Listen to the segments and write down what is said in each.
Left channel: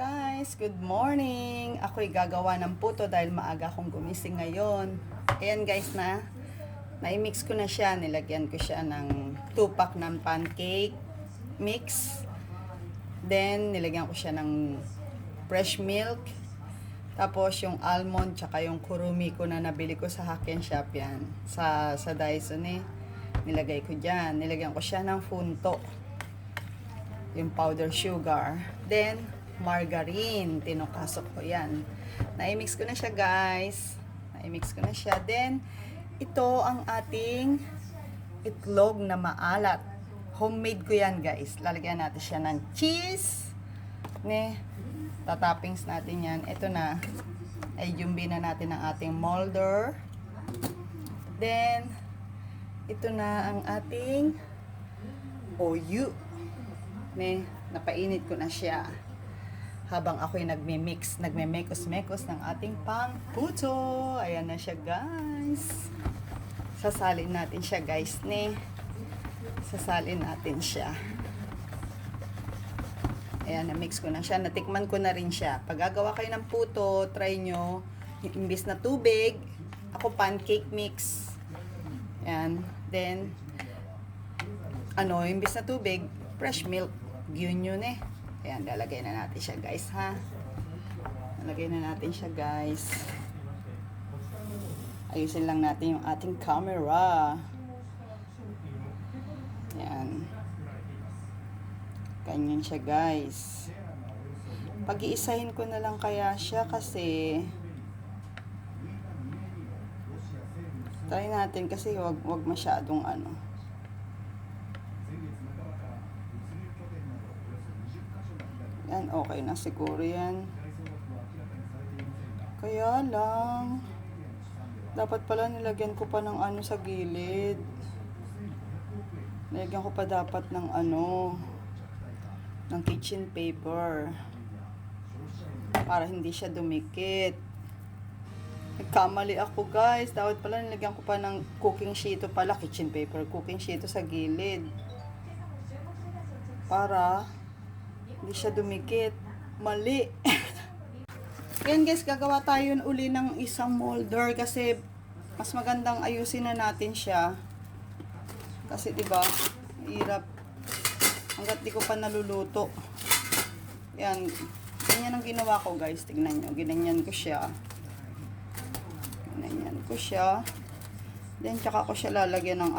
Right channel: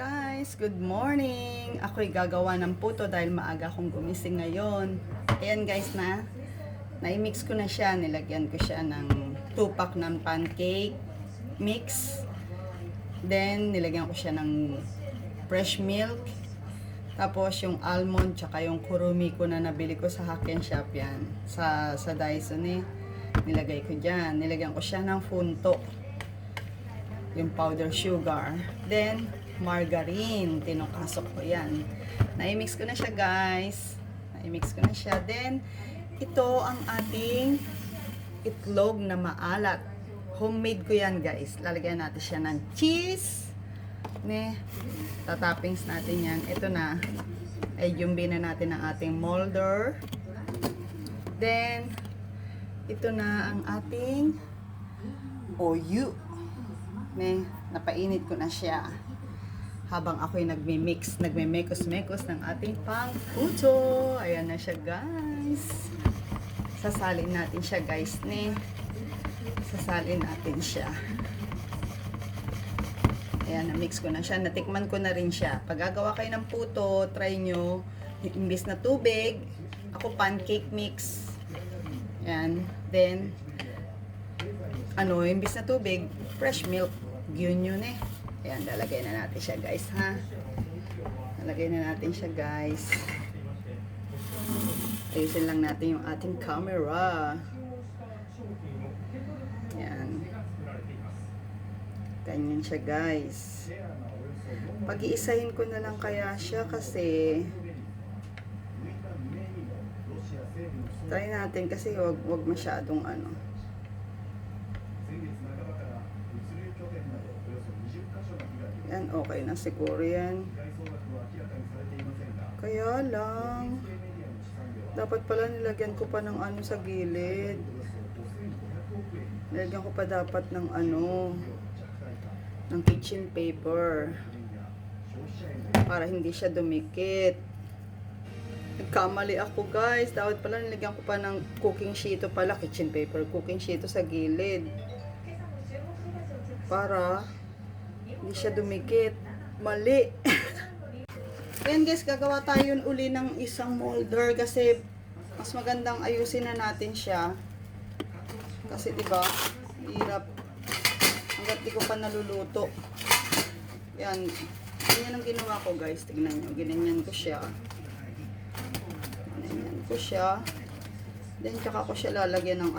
Guys, good morning! Ako'y gagawa ng puto dahil maaga akong gumising ngayon. Ayan guys na-mix ko na siya. Nilagyan ko siya ng 2 pack ng pancake mix. Then, nilagyan ko siya ng fresh milk. Tapos, yung almond, tsaka yung kurumi ko na nabili ko sa Hack and Shop yan. Sa Dyson nilagay ko dyan. Nilagyan ko siya ng funto. Yung powder sugar. Then, margarine. Tinukasok ko yan. Na-mix ko na siya guys. Na-mix ko na siya. Then, ito ang ating itlog na maalat. Homemade ko yan guys. Lalagyan natin siya ng cheese. Tatoppings natin yan. Ito na. Ay jumbi na natin ang ating molder. Then, ito na ang ating oyu. Napainit ko na siya. Habang ako'y nagme-mekos-mekos ng ating pang-puto. Ayan na siya, guys. Sasalin natin siya, guys, Sasalin natin siya. Ayan, na-mix ko na siya. Natikman ko na rin siya. Pag gagawa kayo ng puto, try nyo. Imbis na tubig, ako pancake mix. Ayan. Then, imbis na tubig, fresh milk. Yun. Ayan, lalagay na natin siya guys, ha? Lalagay na natin siya guys. Ayusin lang natin yung ating camera. Ayan. Ganyan siya guys. Pag-iisahin ko na lang kaya siya kasi try natin kasi wag masyadong Yan, okay na siguro yan. Kaya lang, dapat pala nilagyan ko pa ng sa gilid. Nilagyan ko pa dapat ng ng kitchen paper. Para hindi siya dumikit. Nagkamali ako guys. Dapat pala nilagyan ko pa ng cooking sheet pala. Kitchen paper, cooking sheet sa gilid. Para hindi siya dumikit. Mali. Ayan guys, gagawa tayo uli ng isang molder kasi mas magandang ayusin na natin siya. Kasi diba, hirap. Hanggat di ko pa naluluto. Yan. Ganyan ang ginawa ko guys. Tignan nyo. Ginanyan ko siya. Ginanyan ko siya. Then, tsaka ko siya lalagyan ng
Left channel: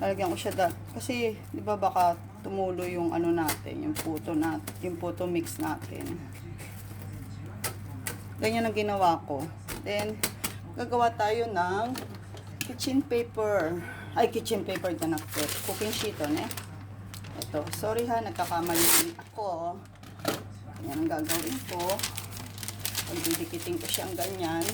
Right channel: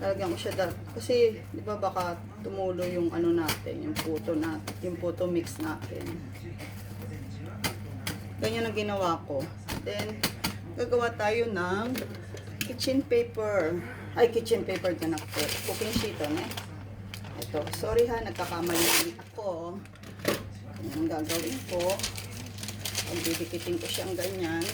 lalagyan ko siya kasi di ba baka tumulo yung natin, yung puto mix natin. Ganyan ang ginawa ko. Then gagawa tayo ng kitchen paper. Ay, kitchen paper na ako. Cooking sheet ito. Sorry ha, nagkakamali ako. Ganyan ang gagawin ko. Didikitin ko siyang ganyan.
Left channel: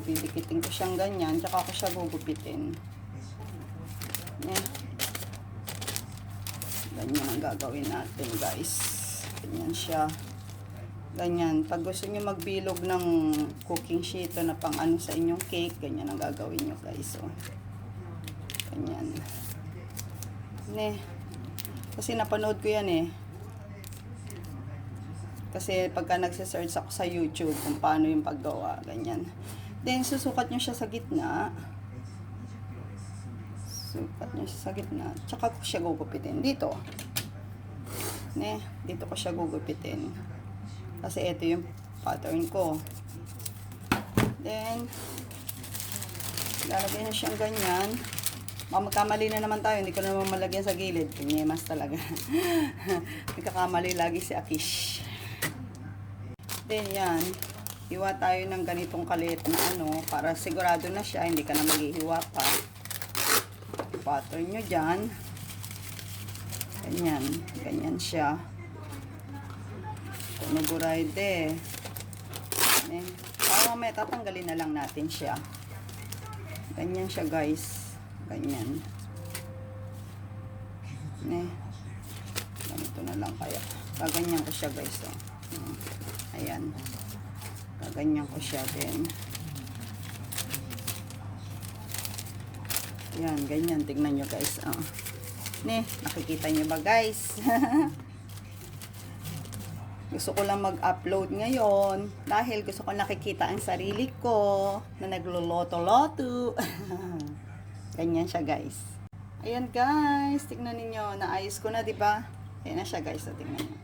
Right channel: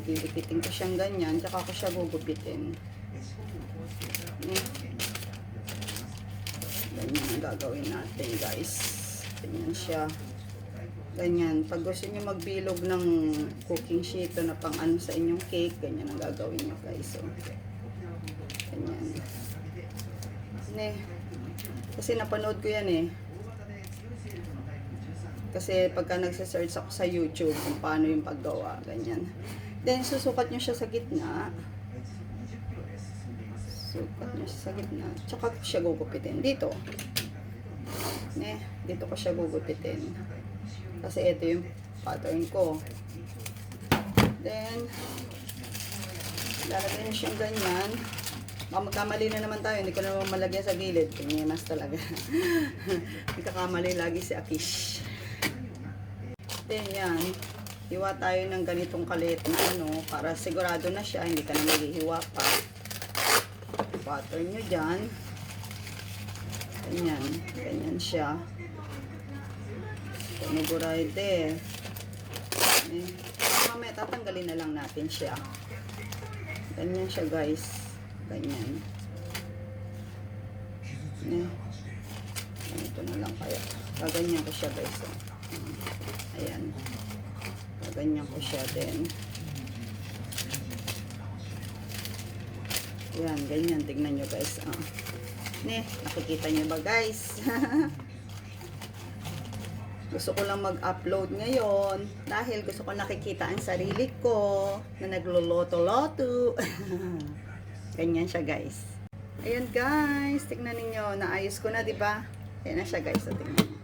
Didikitin ko siyang ganyan, tsaka ko siya gugupitin. Ganyan ang gagawin natin guys. Ganyan siya. Ganyan. Pag gusto nyo magbilog ng cooking sheet na pang sa inyong cake, ganyan ang gagawin nyo guys. Ganyan. Kasi napanood ko yan Kasi pagka nagsisearch ako sa YouTube kung paano yung paggawa, ganyan. Then, susukat nyo siya sa gitna. Sukat nyo siya sa gitna. Tsaka ko siya gugupitin. Dito. Dito ko siya gugupitin. Kasi ito yung pattern ko. Then, lalagyan nyo siyang ganyan. Magkamali na naman tayo. Hindi ko naman malagyan sa gilid. Pinyemas talaga. Nagkakamali lagi si Akish. Then, yan. Hiwa tayo ng ganitong kaliit na para sigurado na siya, hindi ka na maghihiwa pa. Pattern nyo dyan. Ganyan. Ganyan siya. Nuburayde. Mamaya tatanggalin na lang natin siya. Ganyan siya guys. Ganyan. Ganito na lang kaya. Kaganyan ko siya guys. Ayan. Ganyan ko siya din. Yan, ganyan. Tignan nyo guys. Ne, nakikita niyo ba guys? Gusto ko lang mag-upload ngayon dahil gusto ko nakikita ang sarili ko na nagloloto-loto. Ganyan siya guys. Ayan guys, tignan niyo, naayos ko na 'di ba? Ayan na siya guys, so, tignan niyo.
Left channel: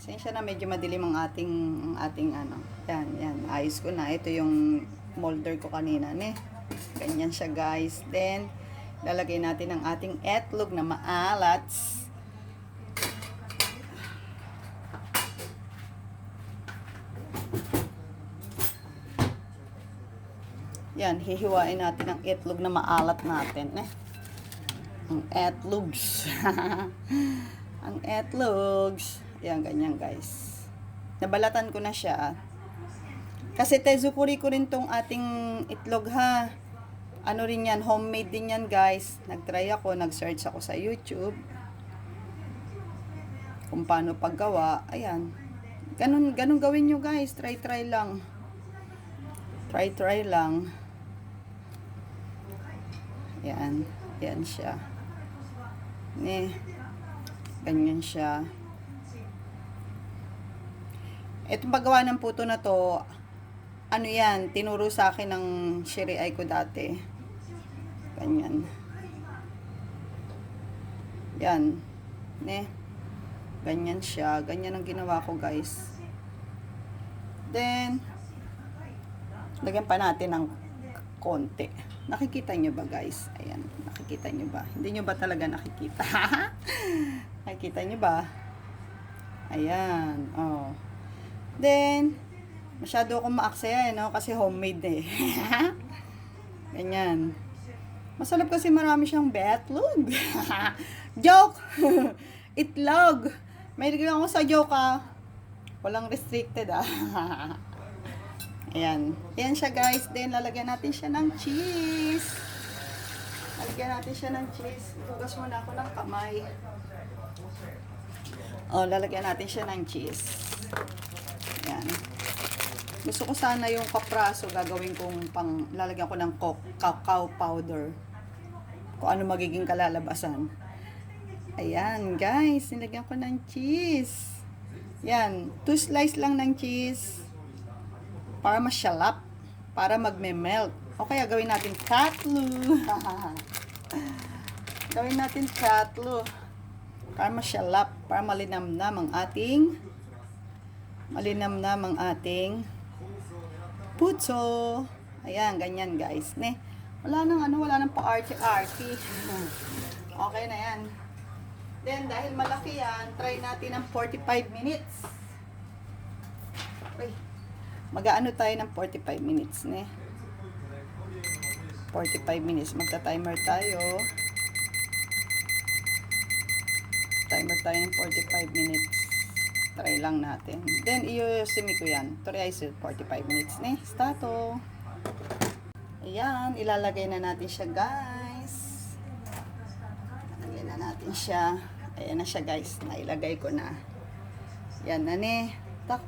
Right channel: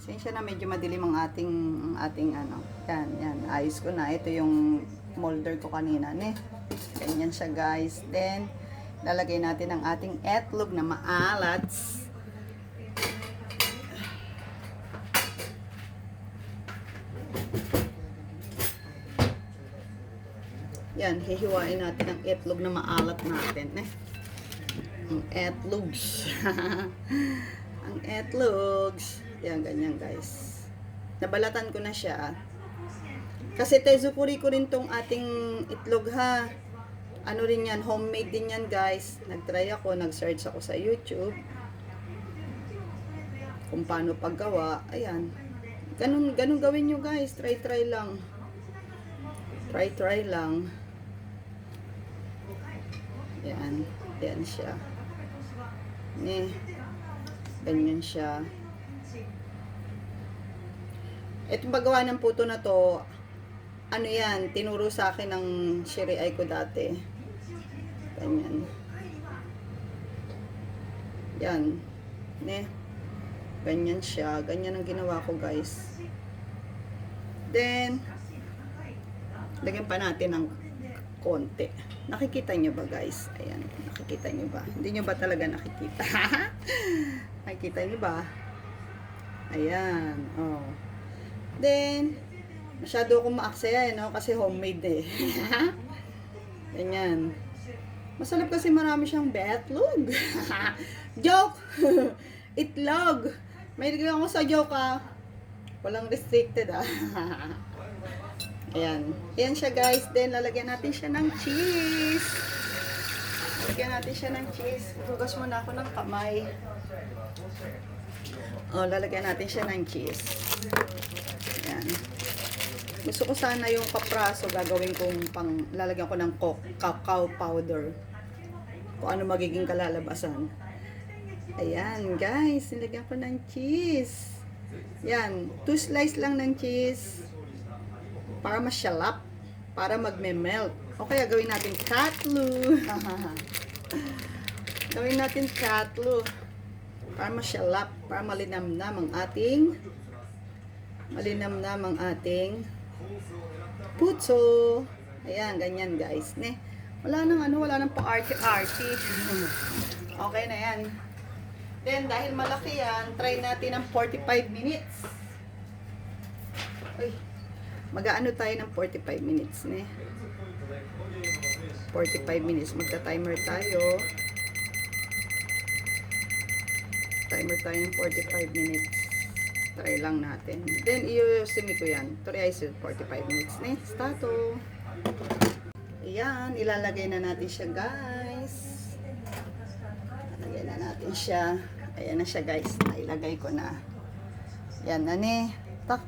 Sensya na medyo madilim ang ating ano. Yan, ayos ko na. Ito yung molder ko kanina, ne. Ganyan siya guys. Then lalagay natin ang ating etlog na maalat. Yan, hihiwain natin ang itlog na maalat natin, eh. Ang etlogs. Ang etlogs. Yan, ganyan guys. Nabalatan ko na siya. Kasi tezukuri ko rin tong ating itlog ha. Ano rin yan, homemade din yan guys. Nag-try ako, nag-search ako sa YouTube. Kung paano paggawa. Ayan. Ganun gawin nyo guys. Try lang. Try lang. Yan. Yan siya. Ganyan siya. Itong paggawa ng puto na to, ano yan, tinuro sa akin ng shiri ay ko dati. Ganyan. Yan. Ganyan siya. Ganyan ang ginawa ko guys. Then, lagyan pa natin ng konti. Nakikita nyo ba guys? Ayan, nakikita nyo ba? Hindi nyo ba talaga nakikita? Nakikita nyo ba? Ayan, oh. Then, masyado akong maaksaya, no? Kasi homemade eh. Ganyan. Masarap kasi marami siyang betlog. Joke! Itlog! May nagawin ako sa joke ah. Walang restricted ah. Ayan. Ayan siya guys. Then, lalagyan natin siya ng cheese. Lalagyan natin siya ng cheese. Hugas muna ako ng kamay. Oh, lalagyan natin siya ng cheese. Ayan. Gusto ko sana yung kapraso gagawin kong lalagyan ko ng cacao powder. Kung ano magiging kalalabasan. Ayan, guys. Nilagyan ko ng cheese. Yan. 2 slice lang ng cheese. Para masyalap. Para magme-melt. O kaya gawin natin katlu. Gawin natin katlu. Para masyalap. Para malinamnam ang ating puto. Ayan, ganyan guys. Wala nang pa-arty-arty. Okay na yan. Then, dahil malaki yan, try natin ng 45 minutes. Uy. Mag-aano tayo ng 45 minutes, 45 minutes. Magta-timer tayo. Timer tayo ng 45 minutes. Try lang natin. Then, i-simi ko yan. Try 45 minutes, Stato. Ayan, ilalagay na natin siya, guys. Ilalagay na natin siya. Ayan na siya, guys. Nailagay ko na. Yan na,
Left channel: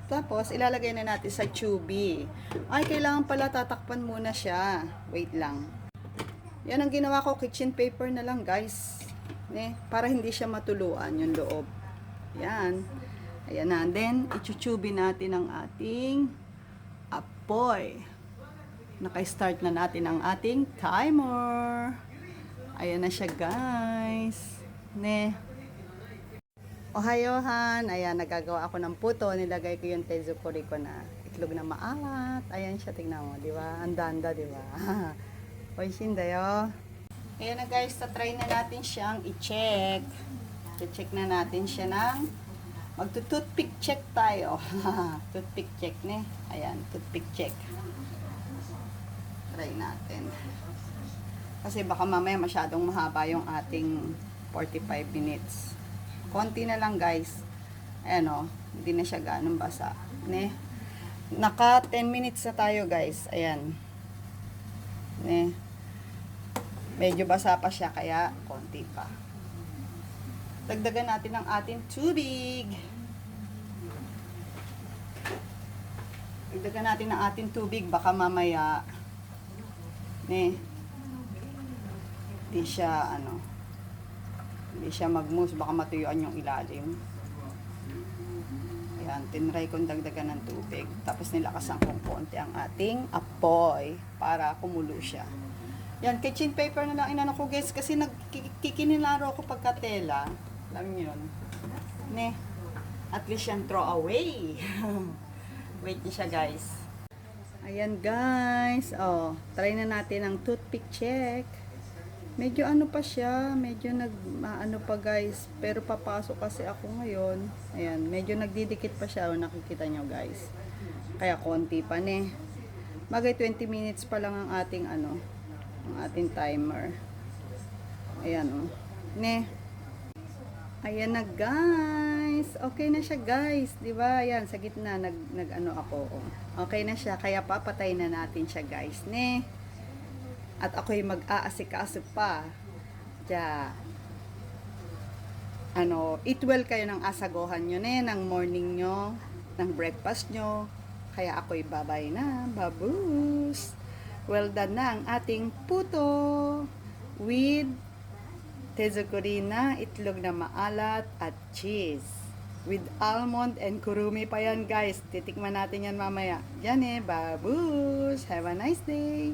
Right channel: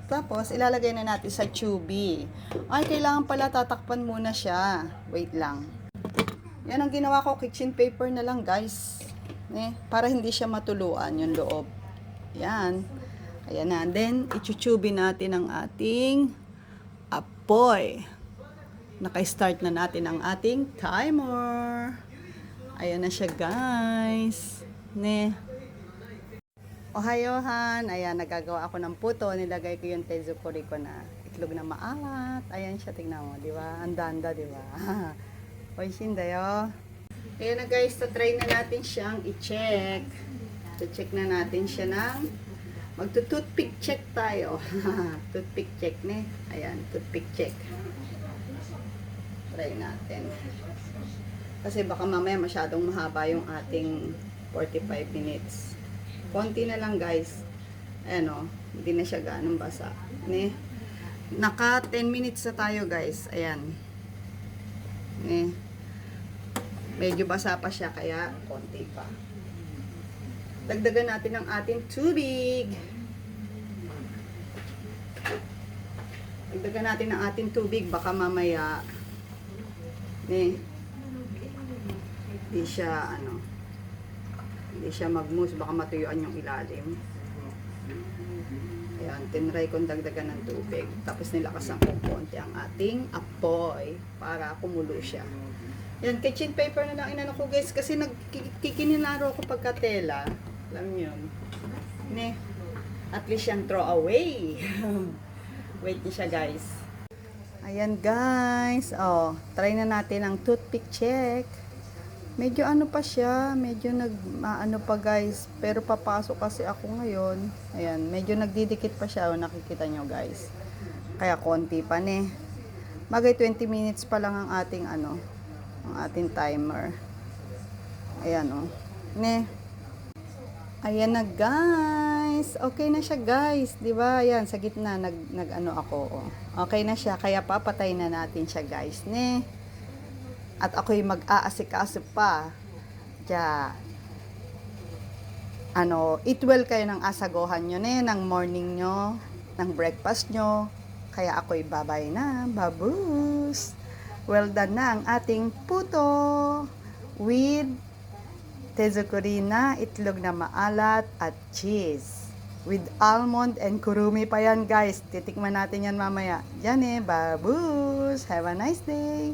Tapos, ilalagay na natin sa tubig. Ay, kailangan pala tatakpan muna siya. Wait lang. Yan ang ginawa ko, kitchen paper na lang, guys. Para hindi siya matuluan yung loob. Yan. Ayan na. Then, ichuchubi natin ang ating apoy. Naka-start na natin ang ating timer. Ayan na siya, guys. Ohayohan. Ayan, nagagawa ako ng puto. Nilagay ko yung tezukuri ko na itlog na maalat. Ayan siya, tingnan mo. Diba? Andanda, diba? Oishindayo. Ayan na guys, try na natin siyang i-check. I-check na natin siya ng magto-toothpick check tayo. Toothpick check, Ayan, toothpick check. Try natin. Kasi baka mamaya masyadong mahaba yung ating 45 minutes. Konti na lang guys. Ayan hindi na siya ganun basa. Naka 10 minutes na tayo guys. Ayan. Medyo basa pa siya kaya konti pa. Dagdagan natin ang ating tubig. Dagdagan natin ang ating tubig baka mamaya di siya Hindi siya mag-mousse, baka matuyuan yung ilalim. Ayan, tinry kong dagdagan ng tubig. Tapos nilakasan ko konti ang ating apoy para kumulo siya. Yan, kitchen paper na lang inano ko guys kasi nagkikininaro ako pagkatela. Alam niyo yun. Ne, at least yan throw away. Wait niyo siya guys. Ayan guys, oh, try na natin ang toothpick check. Medyo ano pa siya, medyo ano pa guys, pero papasok kasi ako ngayon. Ayan, medyo nagdidikit pa siya, oh, nakikita nyo guys. Kaya konti pa ne. Bagay 20 minutes pa lang ang ating ano, ang ating timer. Ayan oh. Ne. Ayan na guys. Okay na siya guys, 'di ba? Ayan sa gitna nag ano ako oh. Okay na siya, kaya papatay na natin siya guys, ne. At ako'y mag-aasikaso pa. Diya. Ano, eat well kayo ng asagohan nyo ne, ng morning nyo, ng breakfast nyo. Kaya ako'y babay na. Babus! Well done na ang ating puto with tezukuri na itlog na maalat at cheese. With almond and kurumi pa yan guys. Titikman natin yan mamaya. Yan babus! Have a nice day!